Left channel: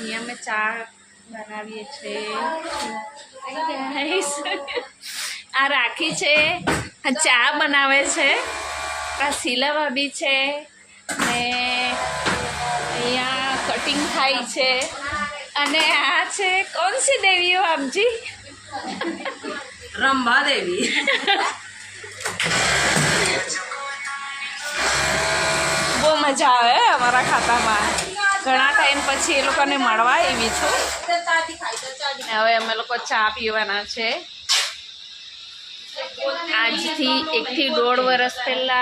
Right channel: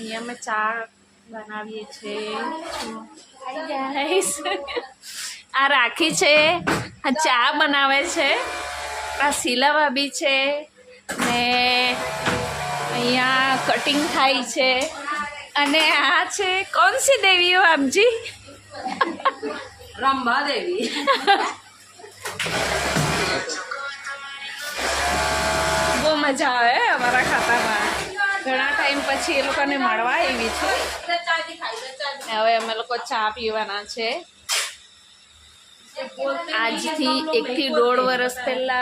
અહીંયા અમે ચા બનાવીએ છીએ। આ રાખી છે, આ ચા બનાવે છે, આ શીલા ભાભી છે ને અહીંયા કટિંગ થાય છે। અને આ છે કોણ સી દેવી હો આપજી? રંભા દેવી। બહુ મજા આવે અમારા ખાતામાં। ઘણા ટાઈમ પછી એ લોકોને મળવા આવી છું। હવે અમે લોકો ચા પીવાના છે। આજથી 1 થી 1.5 વર્ષ પહેલા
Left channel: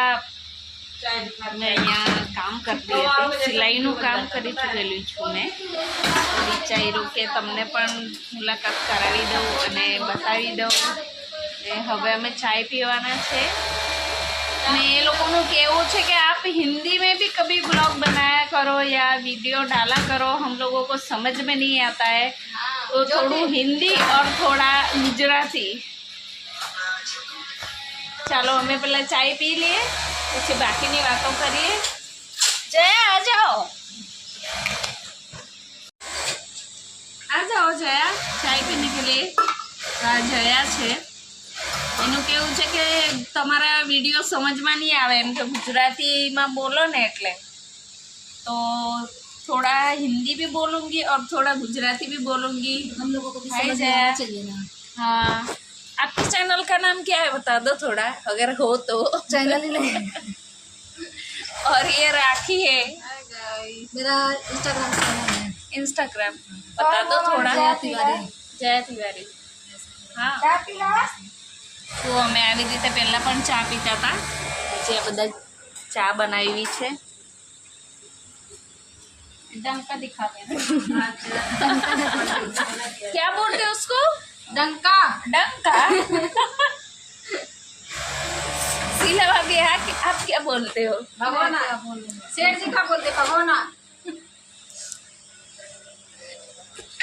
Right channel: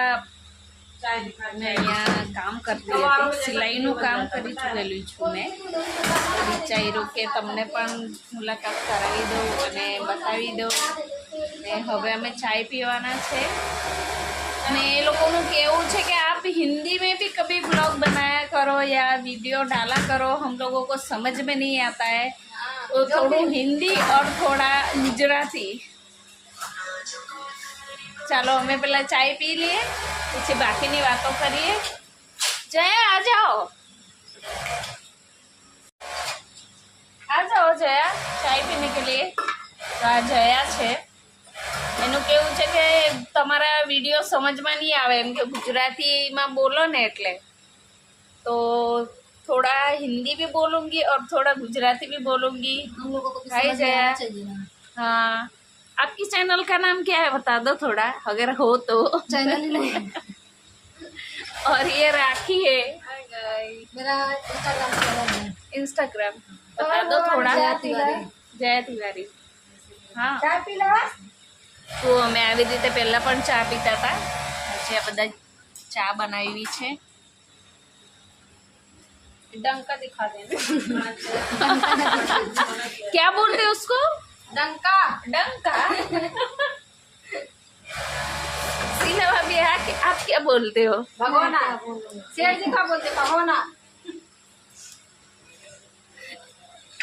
મેં અહીંયા કામ કરતી હતી, સિલાઈનું કામ કરી ચૂકેલી છું મેં। વિચાર્યું કે તમને પણ મુલાકાત કરાવી દઉં અને બતાવી દઉં। ને હવે અમે ચાય પીવાના છે। ने लोगों को केवू है कि आप हिंदी में भी कभी ब्लॉग बनाया करो या वीडियो डाला करो, हम लोगों को समझ में नहीं आता है तो थोड़ा हिंदी और थोड़ा गुजराती। चलो हमें पहले चाय पी लिए, उससे बाकी की बातों करिए। जया आ जाओ जया चाय पीने के लिए। तो आ जया है, એનું કેવું છે કે તમારા વિડીયો સમજમાં નહીં આવે એમ કે ગુજરાતીમાં બોલો ને એટલે, તો थोड़ा हिंदी भी बोलूँगी और थोड़ा गुजराती भी बोलूँगी। हम लोगों को भी हाय समझ में जया। आना चाहिए ना। हाँ, आपके चैनल का नाम क्या है बता दो थोड़ा, अगर हो तो। चैनल ही नहीं, और ये राखी है, मेरा इंस्टाग्राम चैनल है। इंस्टाग्राम बता दो थोड़ा। जया तिवारी। जया तिवारी। हाँ, તો અમે આવી રીતે પહેલાં પણ ચા પીતા હતા, આજે આ બધા ચા બનાવી છે। डंका दिखा देना। क्या बोलते हैं उसको? डंका। डंका। शीला भाभी आप क्या बोलते हो? भगोना। शेर जी का बोलते भगोना।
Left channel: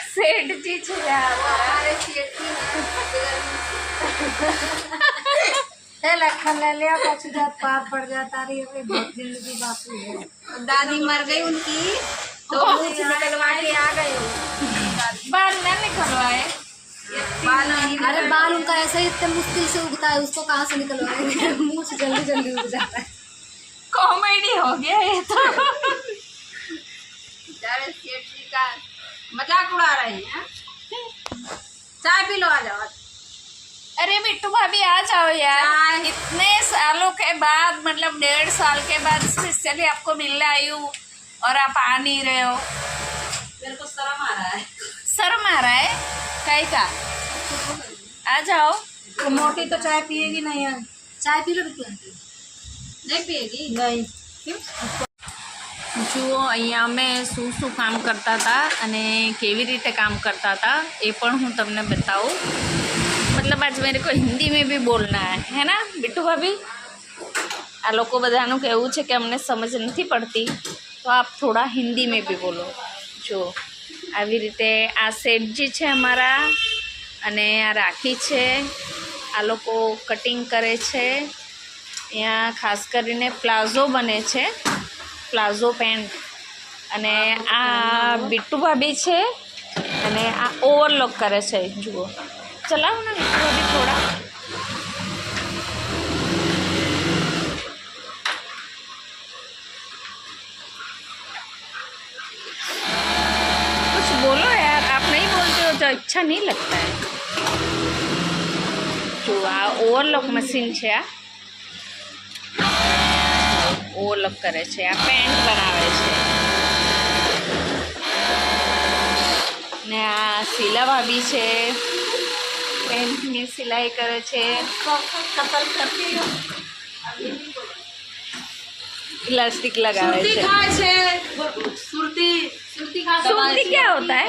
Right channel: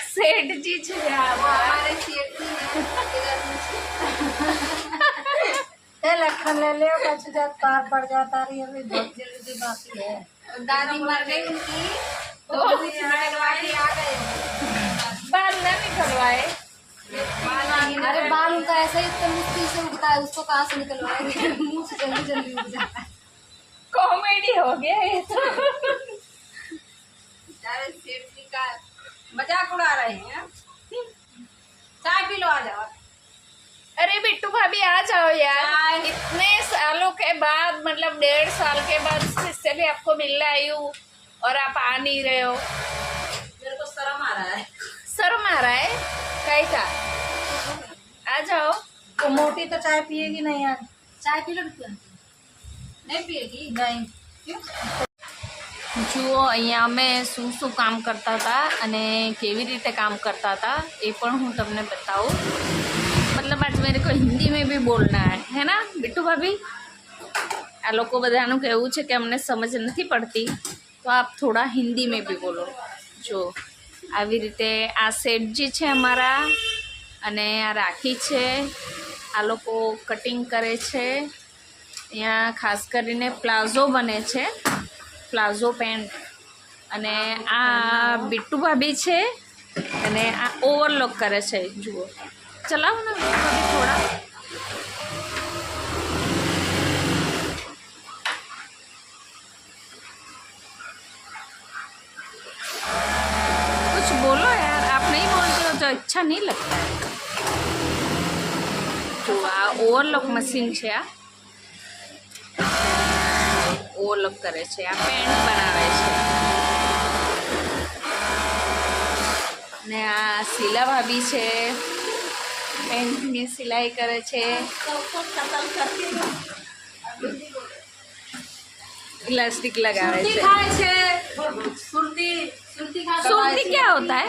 सेठ जी छे हमारे शेर जी लखन ले लिया पाछू जात पार पड़ जाता रही, अभी बहुत जल्दी बाकी है। दादी मर गई उनकी तो कुछ निकलवा के आ गए। बाल ना निकलवाए। बाल नहीं, अरे बाल उनका ऐसे ही इतने मुश्किल से उगता है, उसको कहाँ से निकलवाएंगे? मुंह से जल्दी जल्दी उग जाता है। कॉमेडी हो गया ये तो। बेचारे शेर जी का मजाक उड़ा रहे हैं। चाय पी लो, आ जाओ। अरे बिट्टू भाभी आ जाओ यार, चाय। इतने सालों के बाद, मतलब 1.5 साल के बाद स्पेशली आपको मिलने आई हूँ और आप आ नहीं रहे हो। मेरे को शर्म आ रहा है। शर्म आ रहा है कहीं का? आ जाओ। वो मोटी तो चाय पिएगी नहीं यार। चाय पी लो बिट्टू आंटी। नहीं पिएगी? नहीं। क्यों? જુઓ અહીંયા અમે શું શું કામ કરતા હતા અને કેવી રીતે કામ કરતા હતા એ પણ હું તમને બતાવું। मतलब आज मेरे को हिंदी में भी बोलना है ना बिट्टू भाभी? आ लोग बधाનું કહેવું છે કે અમને સમજ નથી પડતી તો આપ થોડા હિન્દી में भी बोलो। જો આવી રીતે આ સેઠજી છે અમારા અને આ રાખી છે, આ લોકો કટિંગ કરે છે। અહીંયા ખાસ કરીને પ્લાઝો બને છે, પ્લાઝો પેન્ટ। અને આ बिट्टू भाभी છે અને આ ઓવરલોક કરે છે। જુઓ चलाओ ना अभी थोड़ा। कुछ बोलो यार, आप नहीं बोलते हो तो अच्छा नहीं लगता है। जो आ ओवरलॉक मशीन છે, આ ઓવરલોક કરે છે, આ પેન્ટ બનાવે છે। ને આ શીલા ભાભી છે, पेंट में सिलाई करे छे। इलास्टिक लगावे छे। सुरती सुरती खा के सुरती क्या होता है?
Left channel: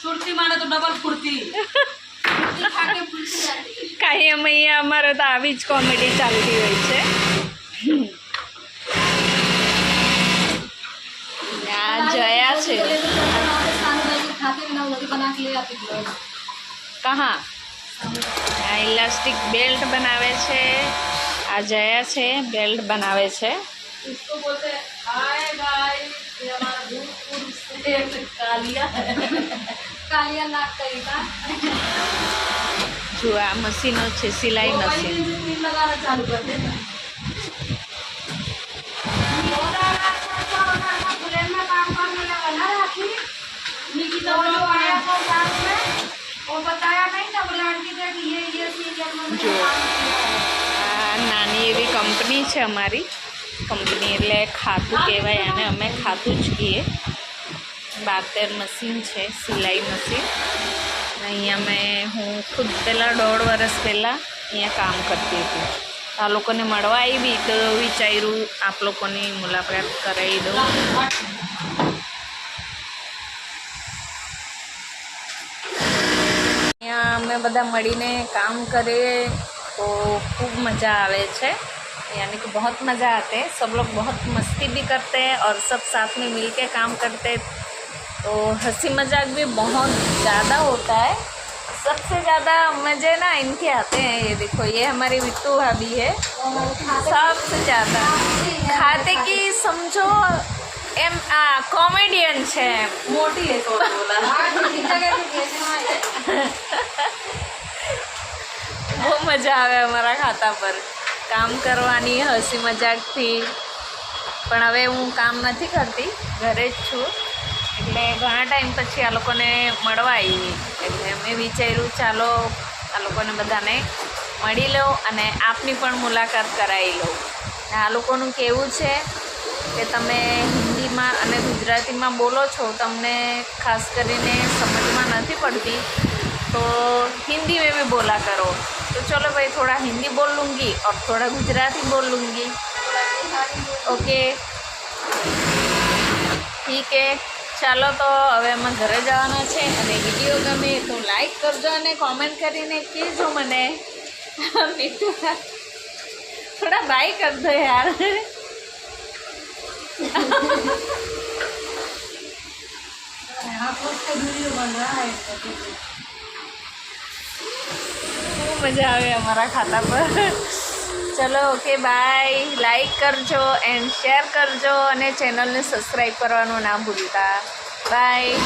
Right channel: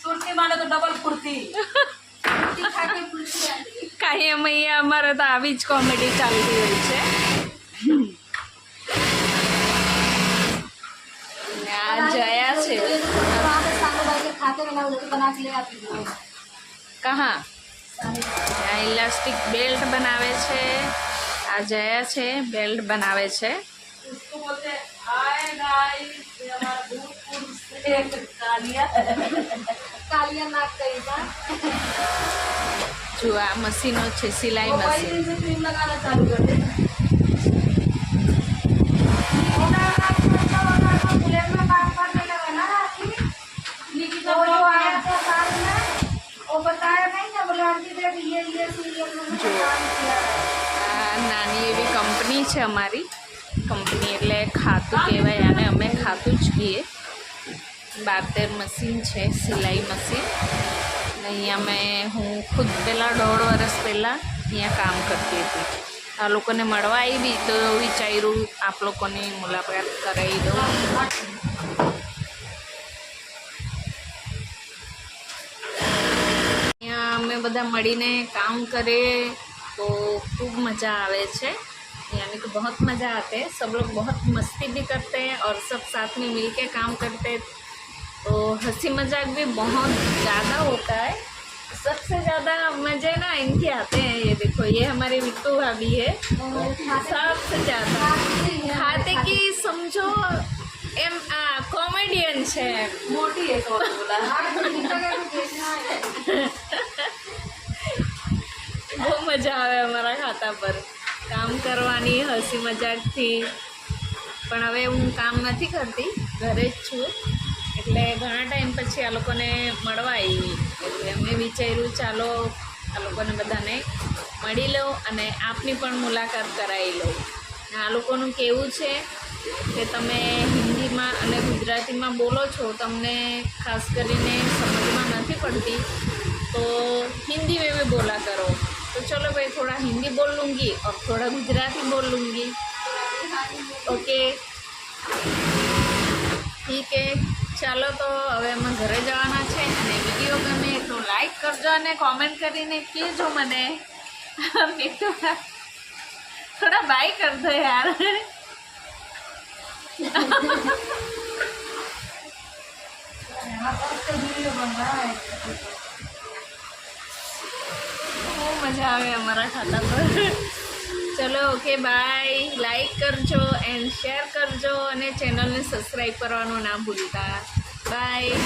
सुरती माने तो डबल फुर्ती। सुरती खा के फुर्ती आती। काई अमैया अमारे तो आवी ज कॉमेडी चालती होय छे। आ जया छे। सानू भाई को खाते में ना रोटी बना के ले आती थी। कहाँ? આ ઇલાસ્ટિક બેલ્ટ બનાવે છે, આ જયા છે બેલ્ટ બનાવે છે। उसको बोलते हाय गाइस, ये हमारा भूतपूर्व से का कालिया नाक कही था જો આ મશીનો છે સિલાઈ મશીન. बुलेट में काम करने लगा ना राखी निकिता वो जो आया था साथ में वो बताया नहीं ना बोले आंटी देख ये सीरियल में જો આ નાની એવી કંપની છે અમારી. કંપની એટલે ખાતું કહેવાય આને, અમે ખાતું જ કહીએ. 72 મશીન છે સિલાઈ મશીન. અને અહીંયા હું ખુદ પહેલાં 1.5 વર્ષ પહેલાં અહીંયા કામ કરતી હતી. આ લોકોને મળવા આવી તો વિચાર્યું આપ લોકોની મુલાકાત કરાવી દઉં. અહીંયા અમે બધા મળીને કામ કરીએ तो खूब मज़ा आवे छे, यानी कि बहुत मज़ा आते हैं. सब लोग बहुत मस्ती भी करते हैं और सब साथ में मिल के काम करते हैं, तो हंसी मजाक भी बहुत ज़्यादा होता है. सबसे ज़्यादा मज़े ना इनके आते हैं. ये देखो, ये हमारी बिट्टू भाभी है. सबसे ज़्यादा खाते की समझो एम कॉमेडियन है, मोटी है तो बोला. બહુ મજા આવે અમારા ખાતા પર કામ કરવાની, હસી મજાકથી. પણ હવે હું કામ નથી કરતી, ઘરે જ છું. એટલે ઘણા ટાઈમ પછી આ લોકોને મળવા આવી, એટલે અમે વિચાર્યું ચાલો આ લોકોને બધાને મળી લો અને આપની પણ મુલાકાત કરાવી લઉં. આ લોકોનું કહેવું છે કે તમે હિન્દીમાં અને ગુજરાતીમાં બોલો છો, તમને ખાસ કરીને સમજમાં નથી પડતી, तो हिंदी में भी बोला करो. तो चलो भाई, थोड़ा हिंदी बोल लूँगी और थोड़ा गुजराती बोल लूँगी. ओके, ठीक है. ચાલો તો હવે અમે ઘરે જવાના છે. અને વિડીયો ગમે તો લાઈક કરજો અને કોમેન્ટ કરીને કહેજો મને. થોડા બાય કર દો યાર. બહુ મજા આવે અમારા ખાતા પર. ચલો ઓકે, બાય. લાઈક કરજો એન્ડ શેર કરજો અને ચેનલને સબસ્ક્રાઈબ કરવાનું ના ભૂલતા. બાય.